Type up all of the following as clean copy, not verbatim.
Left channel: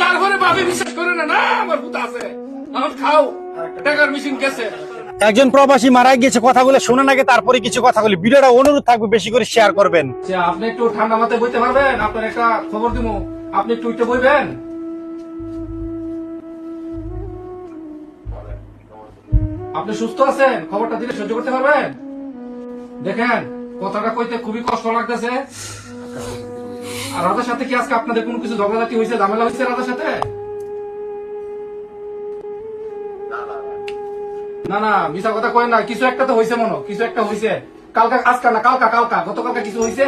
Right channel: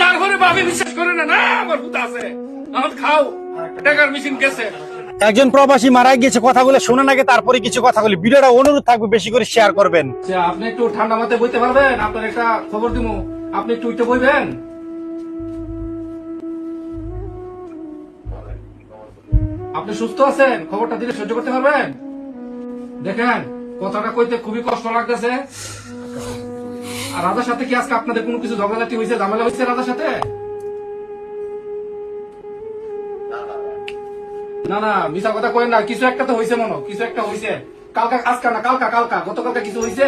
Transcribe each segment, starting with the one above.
তারপরে ভাবি বিশ্বাস করে না, না আমার ভূত আছে, এখন খাও, টাকার মেশিন গেছে। একজন প্রবাসী মারা গিয়েছে, কথাগুলো শোনার আগে তারপরে কিছু কথা বলি। ভিডিওটা অনুরোধ থাকবে বেশি করে শেয়ার করবেন। আপনি একটু ঠান্ডা মাথায় বইতে পারবেন? আপনার একটা খবর দিব, আপনি একটু একটু বইবেন। আপনি সুস্থ আছেন? খবরটা দিলে সহ্য করতে পারবেন? দেখেন, কথাটা কইতে খুবই কষ্ট লাগতেছে। আর রাজার সাথে কি আজকে আপনাদের কোনো কিছু ঝগড়াঝাটি হয়েছে, ঝামেলা হয়েছে রাজার সাথে? না না, মিছা কথা কই না, কিছু একটা তো হয়েছে, মনে কিছু একটা হয়েছে। কালকা, আজকে না, কালকা, গতকালকে কিছু হয়েছে।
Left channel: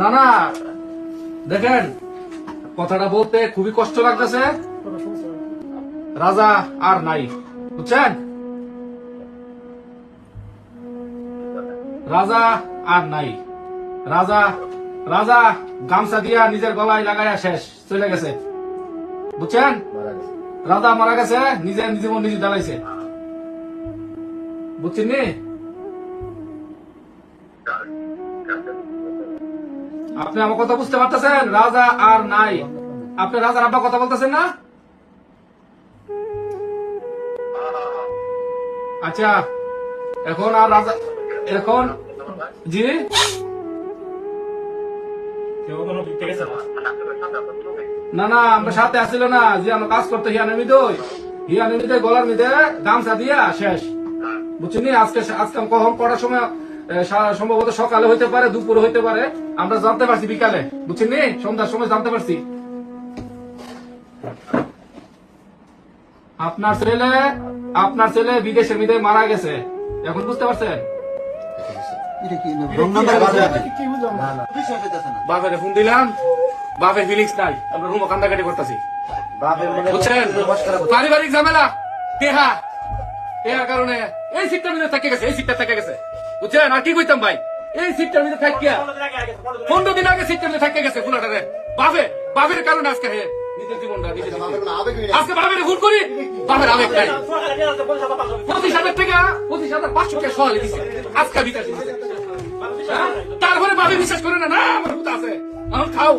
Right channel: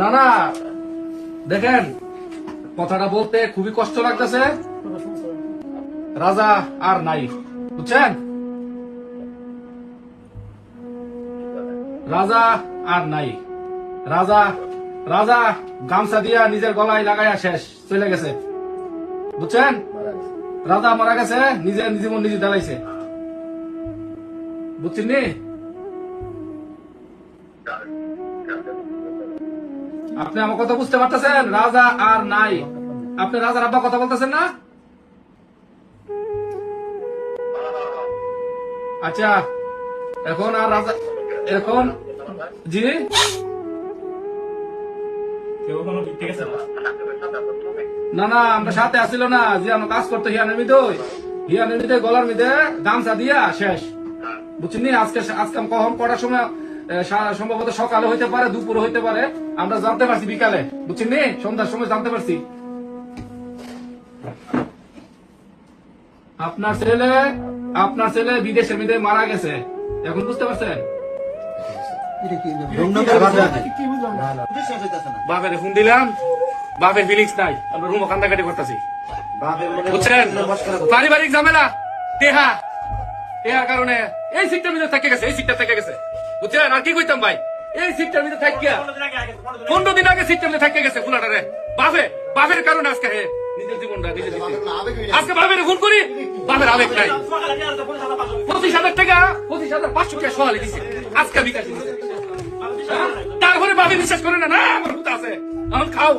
না না, দেখেন, কথাটা বলতে খুবই কষ্ট লাগতেছে। রাজা আর নাই, বুঝছেন? রাজা আর নাই। রাজা রাজা গামছা দিয়া নিজের গলায় লাগাইয়া শেষ, চলে গেছে, বুঝছেন? রাজা মারা গেছে, নিজের জীবন নিজে জ্বালাইছে, বুঝছেন নি? আপনি আমার কথা বুঝতে পারতেছেন? রাজা আর নাই। আপনি রাজার আব্বা কথা বলতেছেন না? আচ্ছা, এখন আর রাজা, এখন জি না না, আমরা সাথে আসছিল না যে আমরা কাজ করতে হিয়ানের মধ্যে গলার মধ্যে গামছা দিয়া শেষ, বুঝছেন? আজকে আজকে কখন কটার সময়, সম্ভবত সকালে হইতে পারে, দুপুরে হইতে পারে, আমরা জানতে পারছি বিকালে, বুঝছেন? সন্ধ্যার সময় জানতে পারছি। আপনার ছেলে বিদেশের মধ্যে মারা গেছে, এখন বুঝতে পারছেন? বাপের ফোন দিলাম, বাপের ফিলিংস নাই, আমরা রুমও কান্দাকাটি করতেছি, বুঝছেন? পারিবারিক ঝামেলা, কারণে এই সিটটার ভিতরে থেকে গেছে, এই সিটটা থেকে গেছে, বুঝছেন? আর কি কইতাম ভাই, এই সিটটার ভিতরে থাকিয়া 15 দিন আগে সিটটার ভিতরে থেকে গেছে ফুলাটারে। বাপের কারণে আজকে নিজের জীবনটা আজকে বাপের ফোন করি, বাপের আবেগ নাই। 25,000 টাকা, 25,500 টাকা সহালি দিচ্ছে আজকে বিকাশ দিচ্ছে। তারপরে বাপে বিশ্বাস করে না, না আমার ভূত আছে, এখন খাও।